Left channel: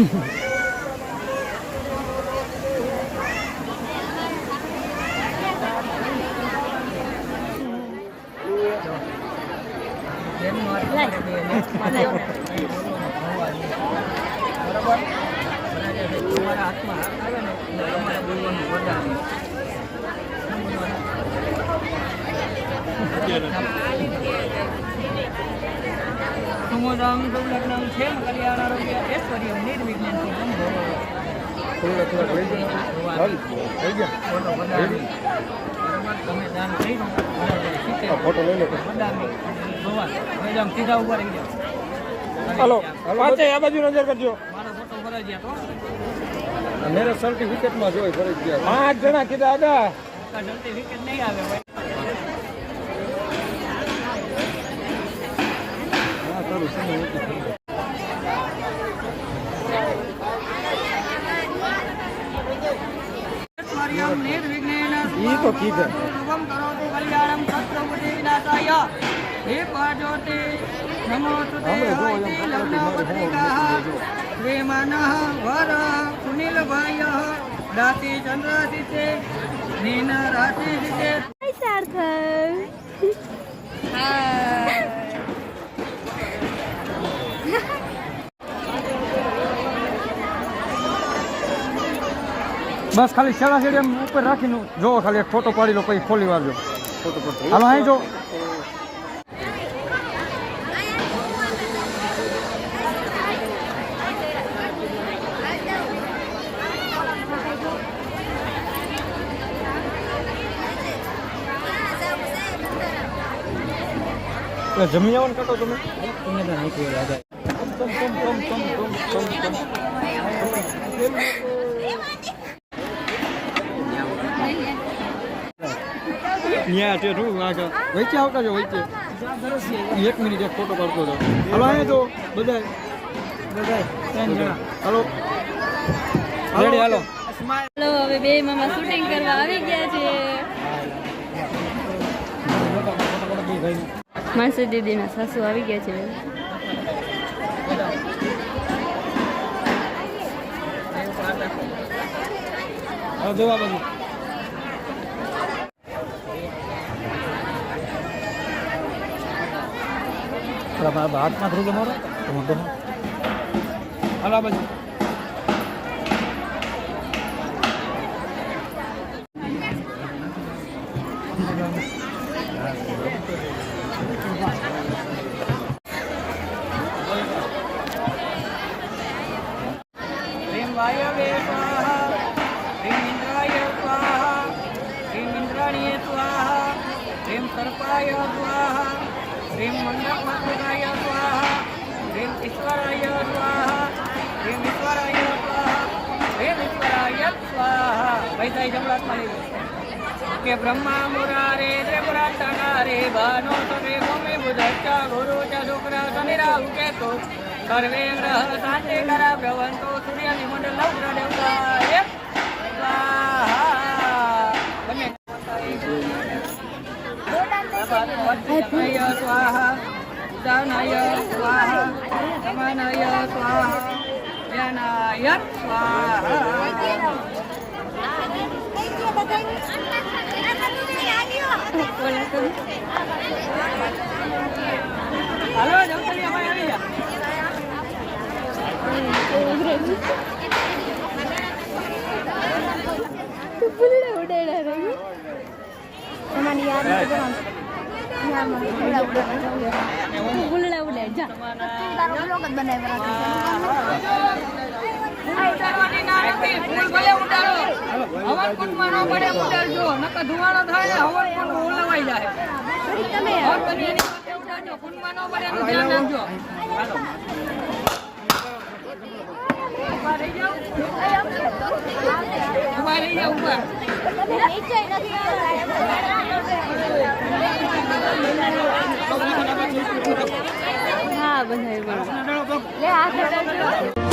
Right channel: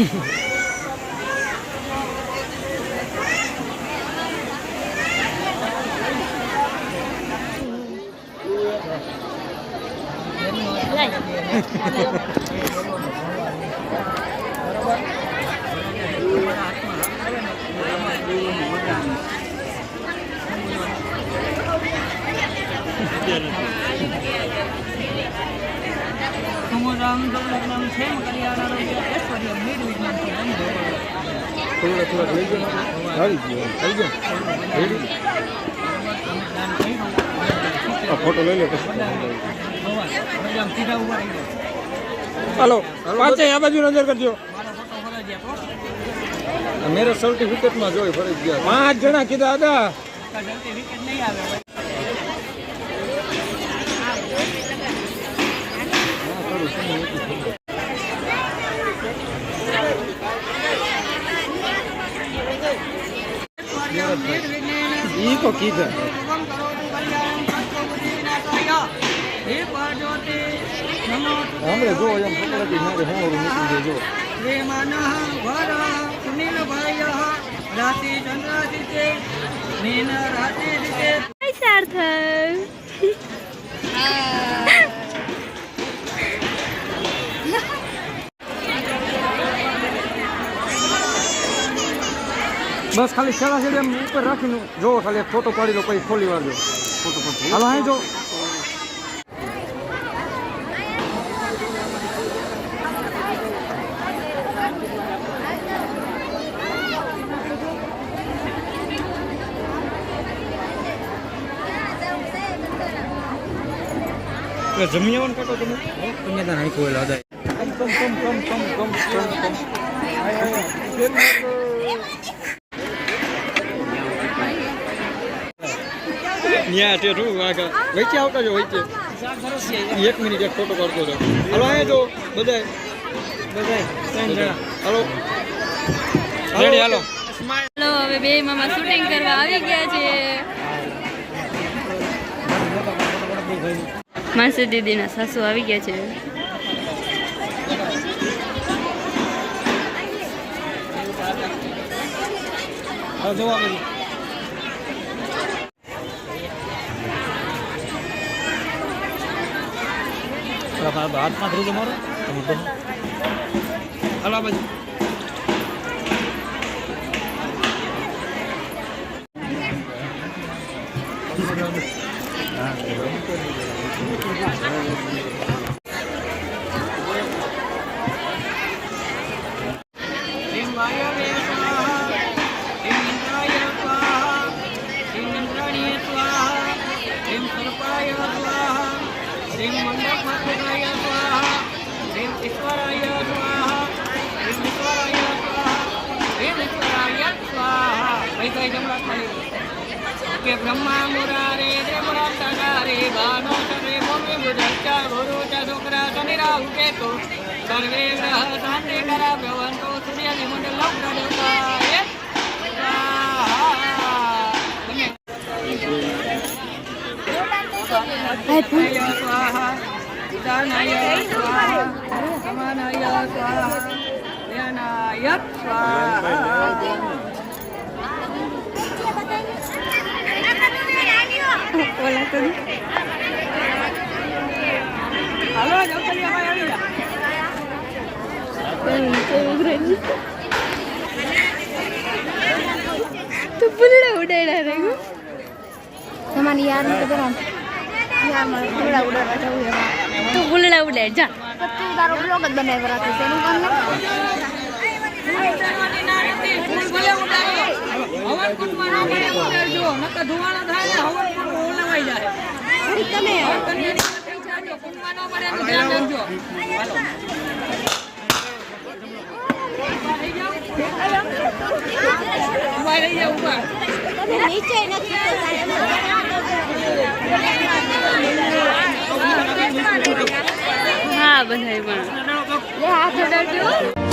બરાબર તમારા હાથમાં હાથ આવે ને તમારે બોલવાનું વરદાન રામ દૌલતનામ છે કલ્યાણ આરોગ્ય ઐશ્વર્ય નિર્વિઘ્ન તમે દાન કર્યું ફોટો લઈ લો ભગવાન હવે આમ સીધા ઉભા રહી જાઓ. હાલો પાંચે આ બાજુ નજર કરજો. મારો ફોટો ફરજિયાત હો. મેરે સર્ટિફિકેટમાં જોઈ ફરજિયાત 5 જણા કીધા હતા. સર્ટિફિકેટ નહીં આવે ભાઈ. ઈ તો કીધું રાતે ચંદ્રાદિત્ય મીન રાતે બસ ખાલી શાળા છે એમ ઉપર રાખીને જોવો ખાલી ફોટો પાડી લો પછી ખોલી વાળજો ફોટો પડતો હાલો અહીં જો જમી આવવાનું કાકો તમે તમને તો નાખ્યું લાગે વચ્ચે આવતા વચ્ચે 1 મિનિટ એક ફોટો કરતો હતો. હલો અહીંયા જો બધા હલો રેડી હાલો. હલો હવે બે મામા શૂટિંગ કરવા આવી ગયા છે. માસી દીદીના સાસુ આવી ગયા છે. જોવા હાથમાં થઈ જાય હલા બાજુ કે બ્રહ્મા મુરારે રે બાનો સરે ભમે બુધચ્ચા ગુરુ ચ શુક્ર શનિ રાહુ કેતુ સર્વે ગ્રહ શાંતિ કરા ભ્રવંતો સૂર્યાદિ મંડળ લગ્નદાય સ્વાહા દાનય સ્વાહા સમાનય સ્વાહા યનાય સ્વાહા. હાલો જવતલી અમારે આવી જા. તો બુલડા ઉડાડ્યા રે તમારી યાર તું બુલડા ઉડાડ જા. તારો બ્લોગ જ બનાવ્યો રાખે છે એનું ફૂલ ભલે ઉડાડો હવન કુંડમાં ન ભલે ઉડાડજો નકર ધુમાડો થાય ને હવન કુંડ ઉલવાઈ જાય. તમે હવન કન્યાની સાથે ઉડાડજો કુંડમાં ન ભલે એનું ધ્યાન રાખજો. હાલો ઉભા રહી જાઓ ઉભા. નીચે નથી હા બધા પણ લે હાથ જોડજો.